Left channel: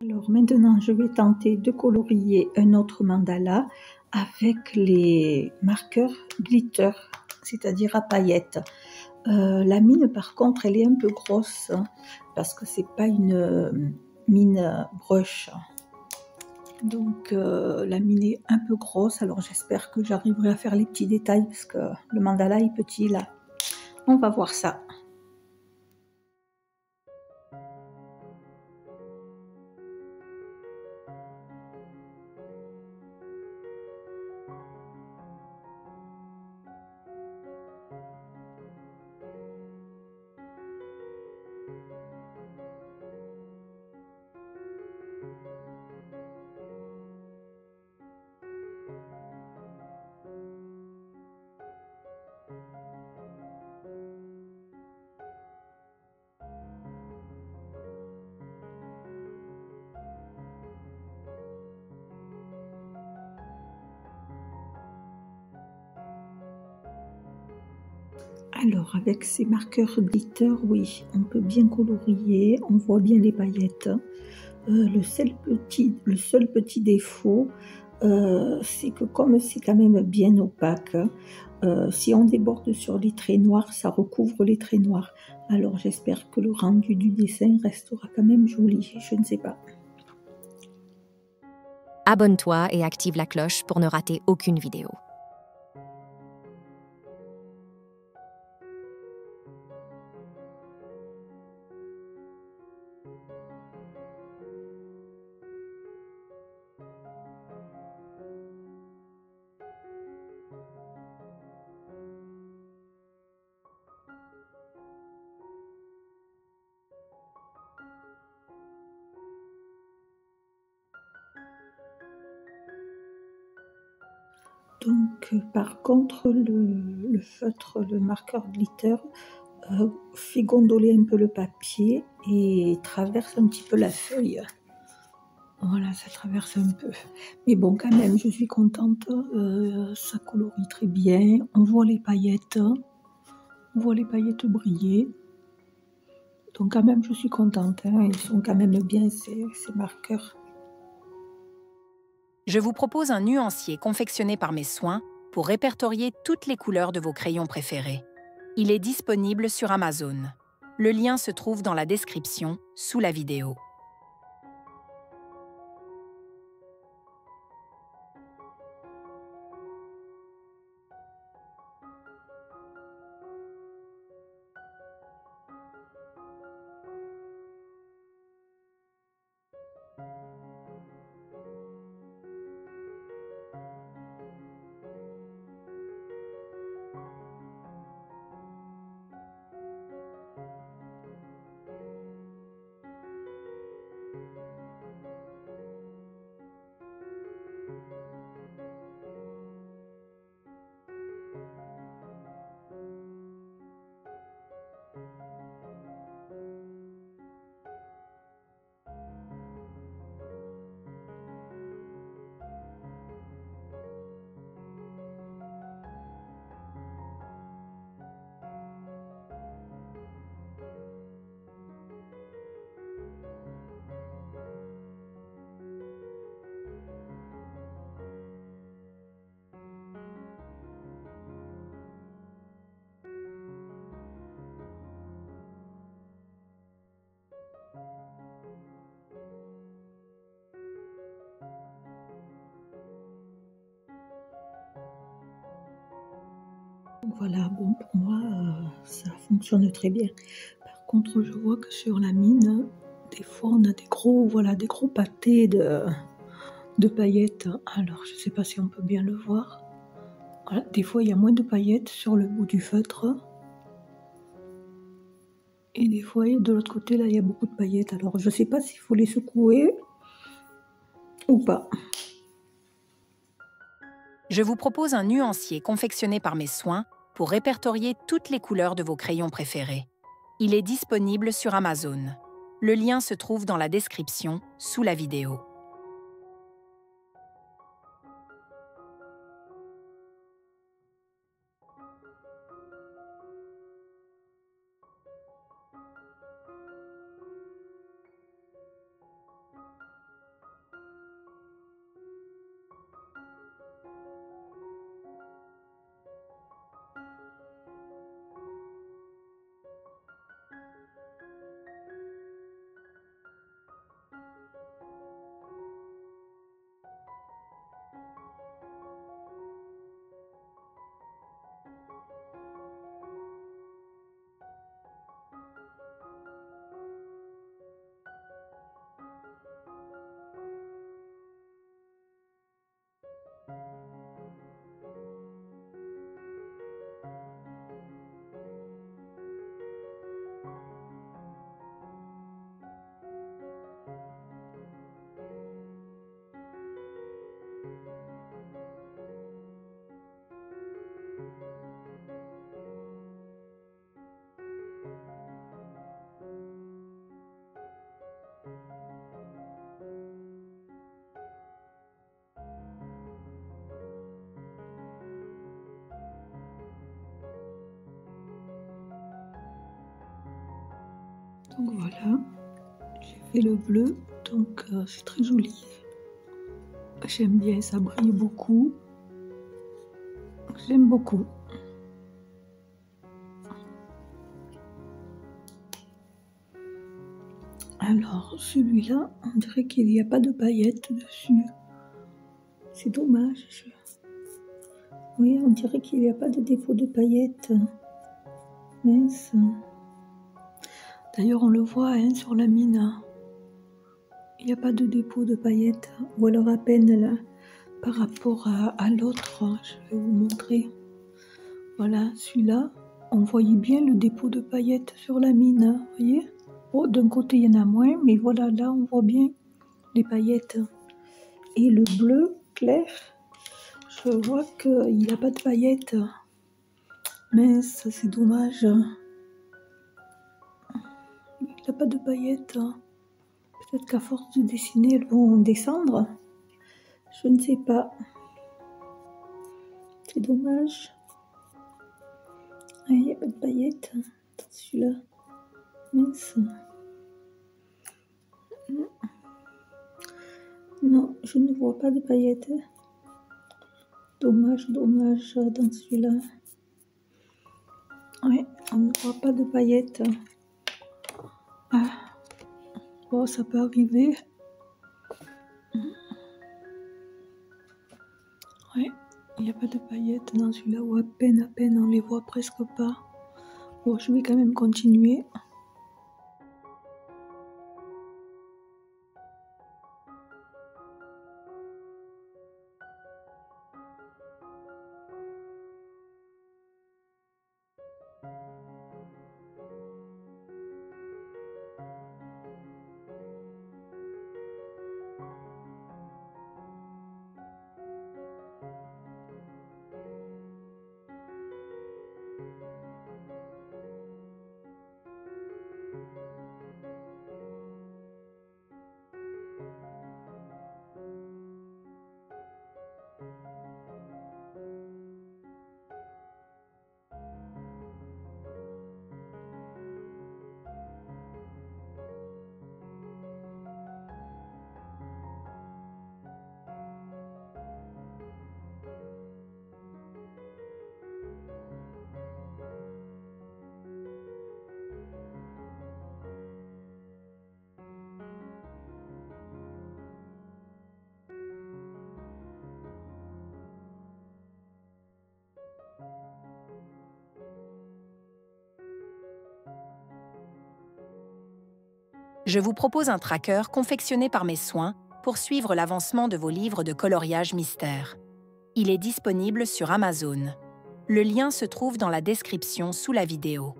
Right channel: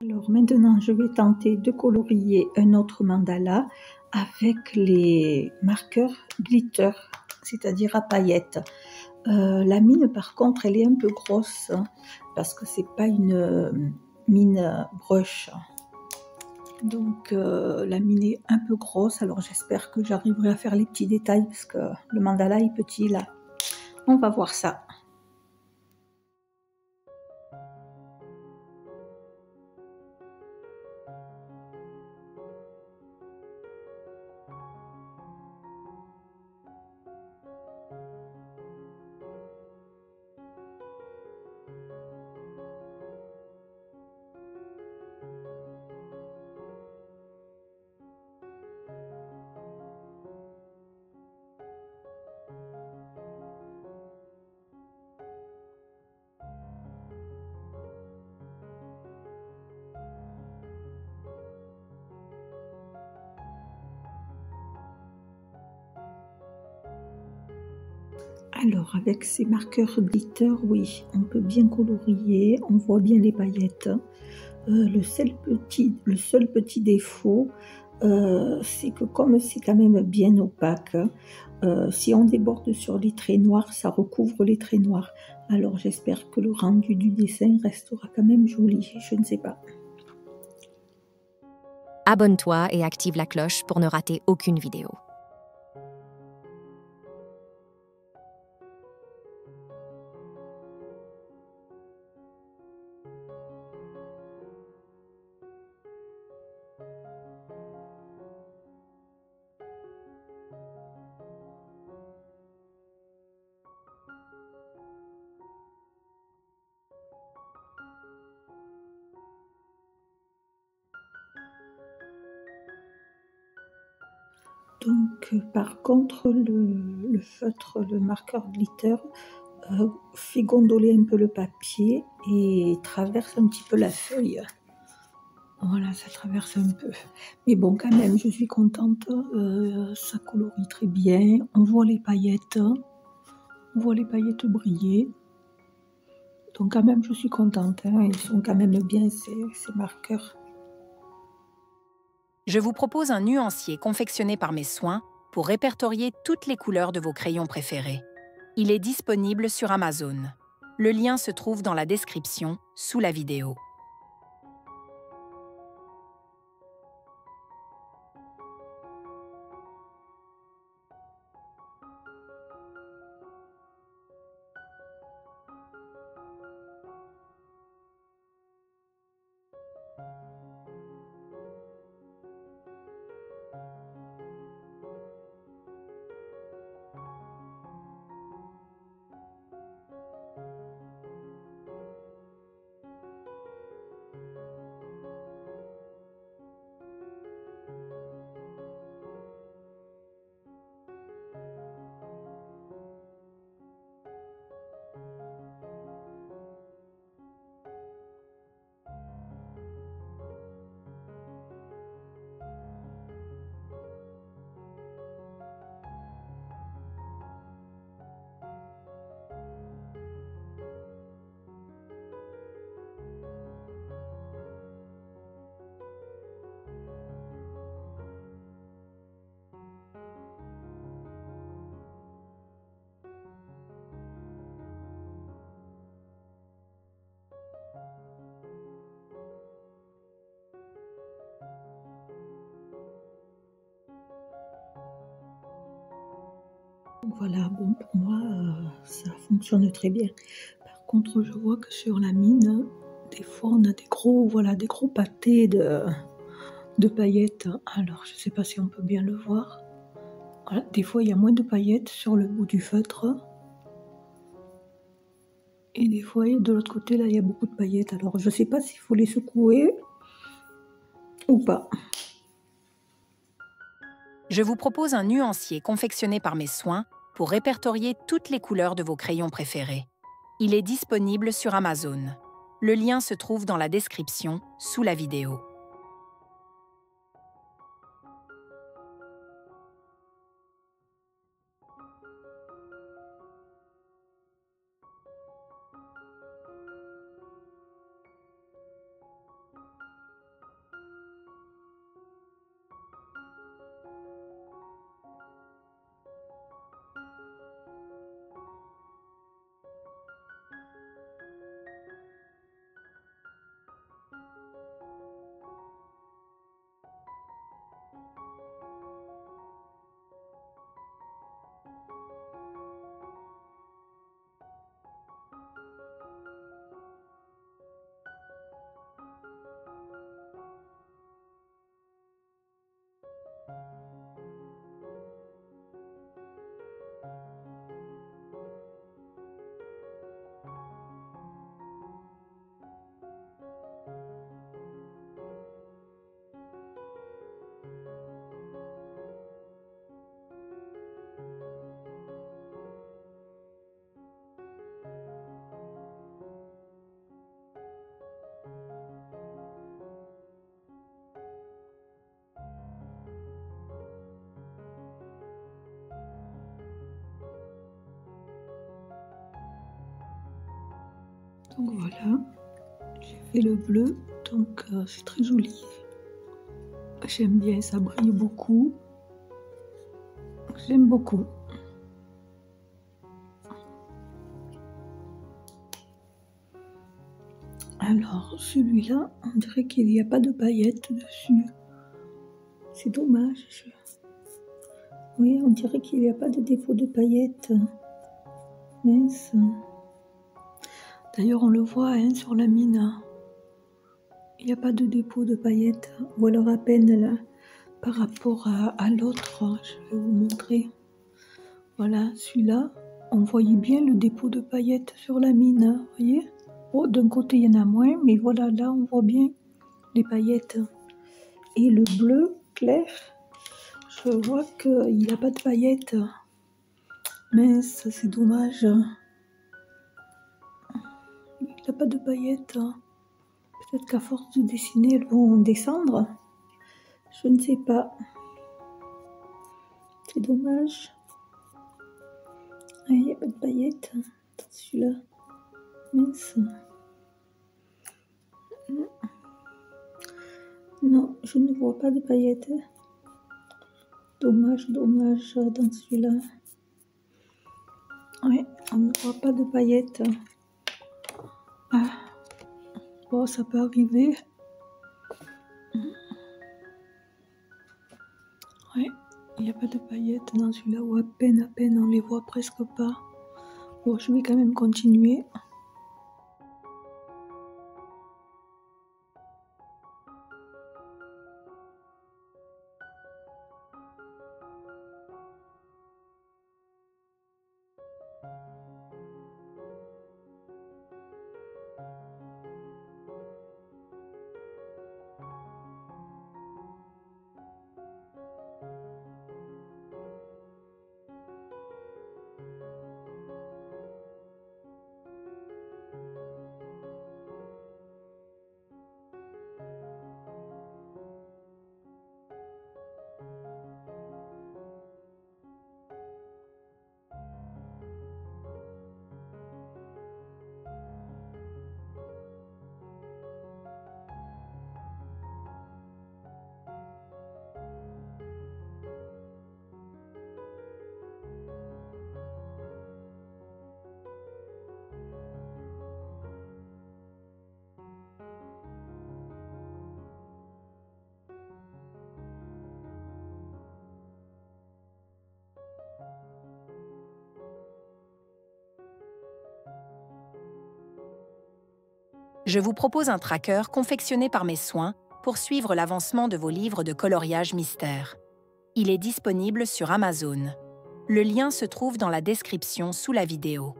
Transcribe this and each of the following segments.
Alors maintenant, je vais tenter de colorier un autre mandala avec les marqueurs glitter, c'est-à-dire à paillettes. La mine, par contre, elle est un peu grosse parce que c'est pas une mine brush. Donc la mine est un peu grosse, alors j'espère que j'arriverai à faire les petits détails parce que le mandala est petit là. On va voir ça. Alors, avec ces marqueurs glitter, oui, on peut bien colorier, on voit bien les paillettes. Le seul petit défaut, c'est que comme c'est quand même bien opaque, si on déborde sur les traits noirs, ça recouvre les traits noirs. Alors, j'espère que le rendu du dessin restera quand même joli, je ne sais pas. Abonne-toi et active la cloche pour ne rater aucune vidéo. Donc, par contre, le feutre, le marqueur glitter, fait gondoler un peu le papier et traverse un petit peu la feuille. Voilà, ça traverse un peu. Mais bon, quand même, je suis contente. Ça colorie très bien. On voit les paillettes. On voit les paillettes briller. Donc quand même, je suis contente. Hein. Ils sont quand même bien, ces marqueurs. Je vous propose un nuancier confectionné par mes soins pour répertorier toutes les couleurs de vos crayons préférés. Il est disponible sur Amazon. Le lien se trouve dans la description sous la vidéo. Voilà, bon, pour moi, ça fonctionne très bien. Par contre, je vois que sur la mine, des fois, on a des gros pâtés de paillettes. Alors, je ne sais pas si on peut bien le voir. Voilà, des fois, il y a moins de paillettes sur le bout du feutre. Et des fois, de l'autre côté, là, il y a beaucoup de paillettes. Alors, je ne sais pas s'il faut les secouer ou pas. Je vous propose un nuancier confectionné par mes soins pour répertorier toutes les couleurs de vos crayons préférés. Il est disponible sur Amazon. Le lien se trouve dans la description sous la vidéo. Donc voilà, j'ai fait le bleu, donc c'est très joli. J'aime bien, ça brille beaucoup. J'aime beaucoup. Alors, celui-là, on dirait qu'il n'y a pas de paillettes dessus. C'est dommage. Oui, on dirait qu'il n'y a pas de défaut de paillettes. Mince. D'ailleurs, on le voit hein, sur la mine. Il n'y a pas de dépôt de paillettes. Ou alors à peine là, par rapport à l'autre. Je vais vous montrer. Voilà, celui-là, on voyait bien le dépôt de paillettes sur la mine. Vous voyez? Oh, d'un côté, il y en a moins, mais voilà, là, on voit bien les paillettes. Et le bleu clair, je vois qu'il n'a pas de paillettes. Mince, c'est dommage. Il n'a pas de paillettes. Peut-être qu'à force de dessiner, elles vont descendre. Je ne sais pas. C'est dommage. Il n'y a pas de paillettes. Celui-là. Mince. Non, je ne vois pas de paillettes. Dommage, dommage dans celui-là. Oui, on ne voit pas de paillettes. Ah, bon, ça peut arriver. Oui, il n'y a pas de paillettes dans celui-là, ou à peine, on les voit presque pas. Bon, je vais quand même continuer. Je vous propose un tracker confectionné par mes soins pour suivre l'avancement de vos livres de coloriage mystère. Il est disponible sur Amazon. Le lien se trouve dans la description sous la vidéo.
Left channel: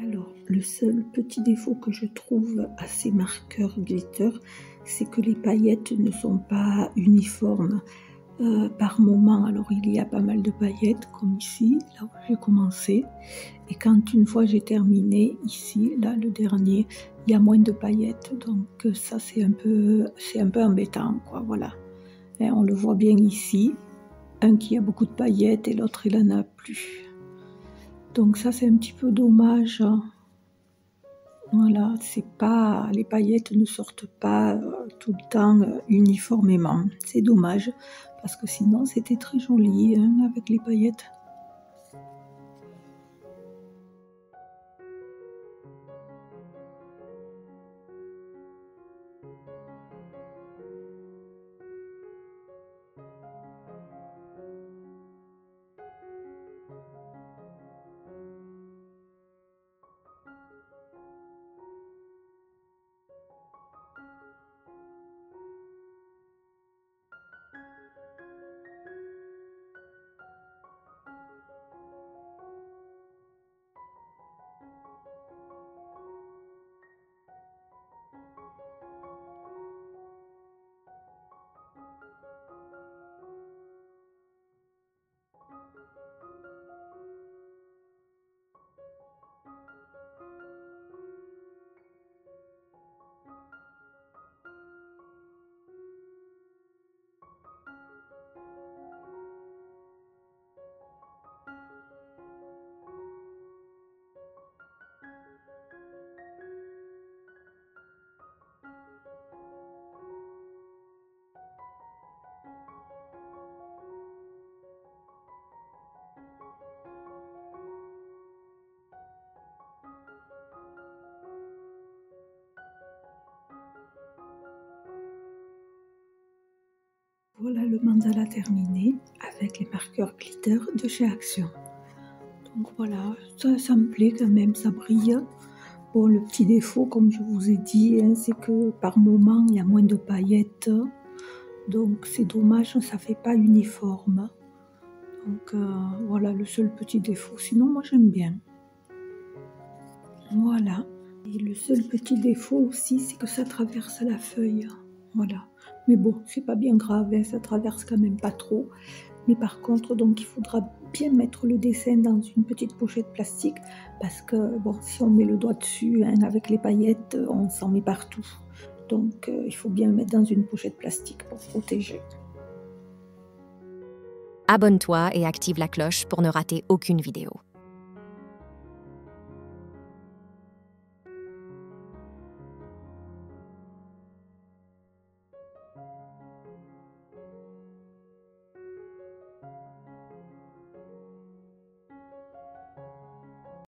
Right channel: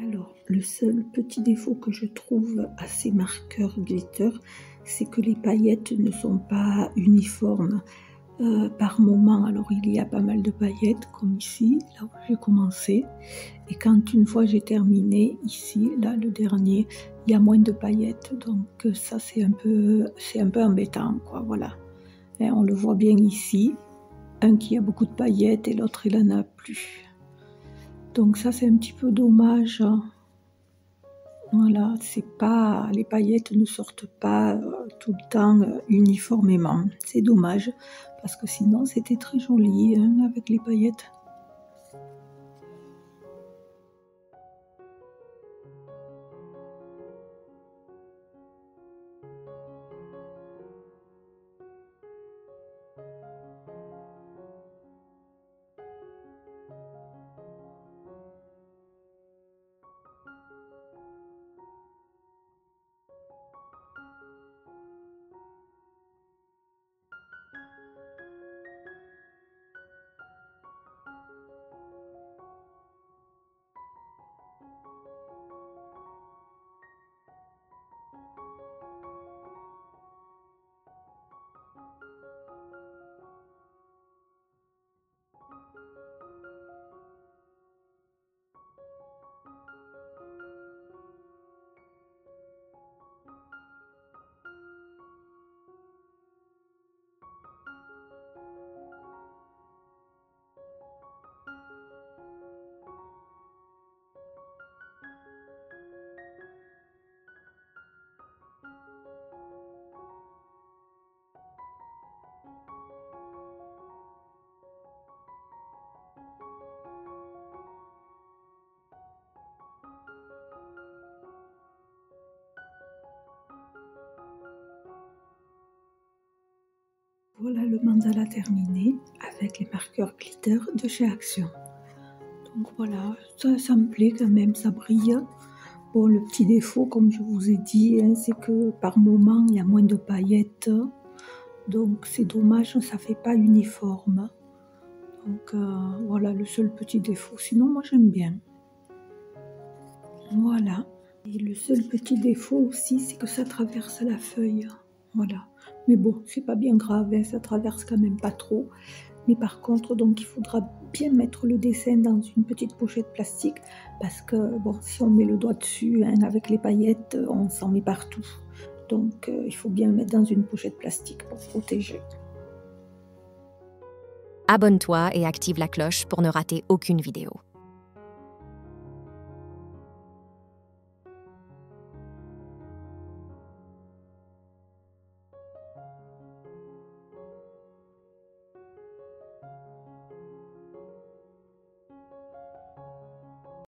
Alors, le seul petit défaut que je trouve à ces marqueurs glitter, c'est que les paillettes ne sont pas uniformes. Par moment, alors il y a pas mal de paillettes, comme ici, là où j'ai commencé. Et quand une fois j'ai terminé, ici, là, le dernier, il y a moins de paillettes. Donc ça, c'est un peu embêtant, quoi, voilà. Et on le voit bien ici, un qui a beaucoup de paillettes et l'autre, il en a plus. Donc ça, c'est un petit peu dommage. Voilà, c'est pas, les paillettes ne sortent pas tout le temps uniformément. C'est dommage, parce que sinon c'était très joli hein, avec les paillettes. Voilà le mandala terminé avec les marqueurs glitter de chez Action. Donc voilà, ça me plaît quand même, ça brille. Bon, le petit défaut, comme je vous ai dit, hein, c'est que par moment, il y a moins de paillettes. Donc c'est dommage, ça fait pas uniforme. Donc voilà le seul petit défaut. Sinon, moi j'aime bien. Voilà. Et le seul petit défaut aussi, c'est que ça traverse la feuille. Voilà. Mais bon, c'est pas bien grave, hein, ça traverse quand même pas trop. Mais par contre, donc il faudra bien mettre le dessin dans une petite pochette plastique parce que bon, si on met le doigt dessus hein, avec les paillettes, on s'en met partout. Donc il faut bien le mettre dans une pochette plastique pour protéger. Abonne-toi et active la cloche pour ne rater aucune vidéo.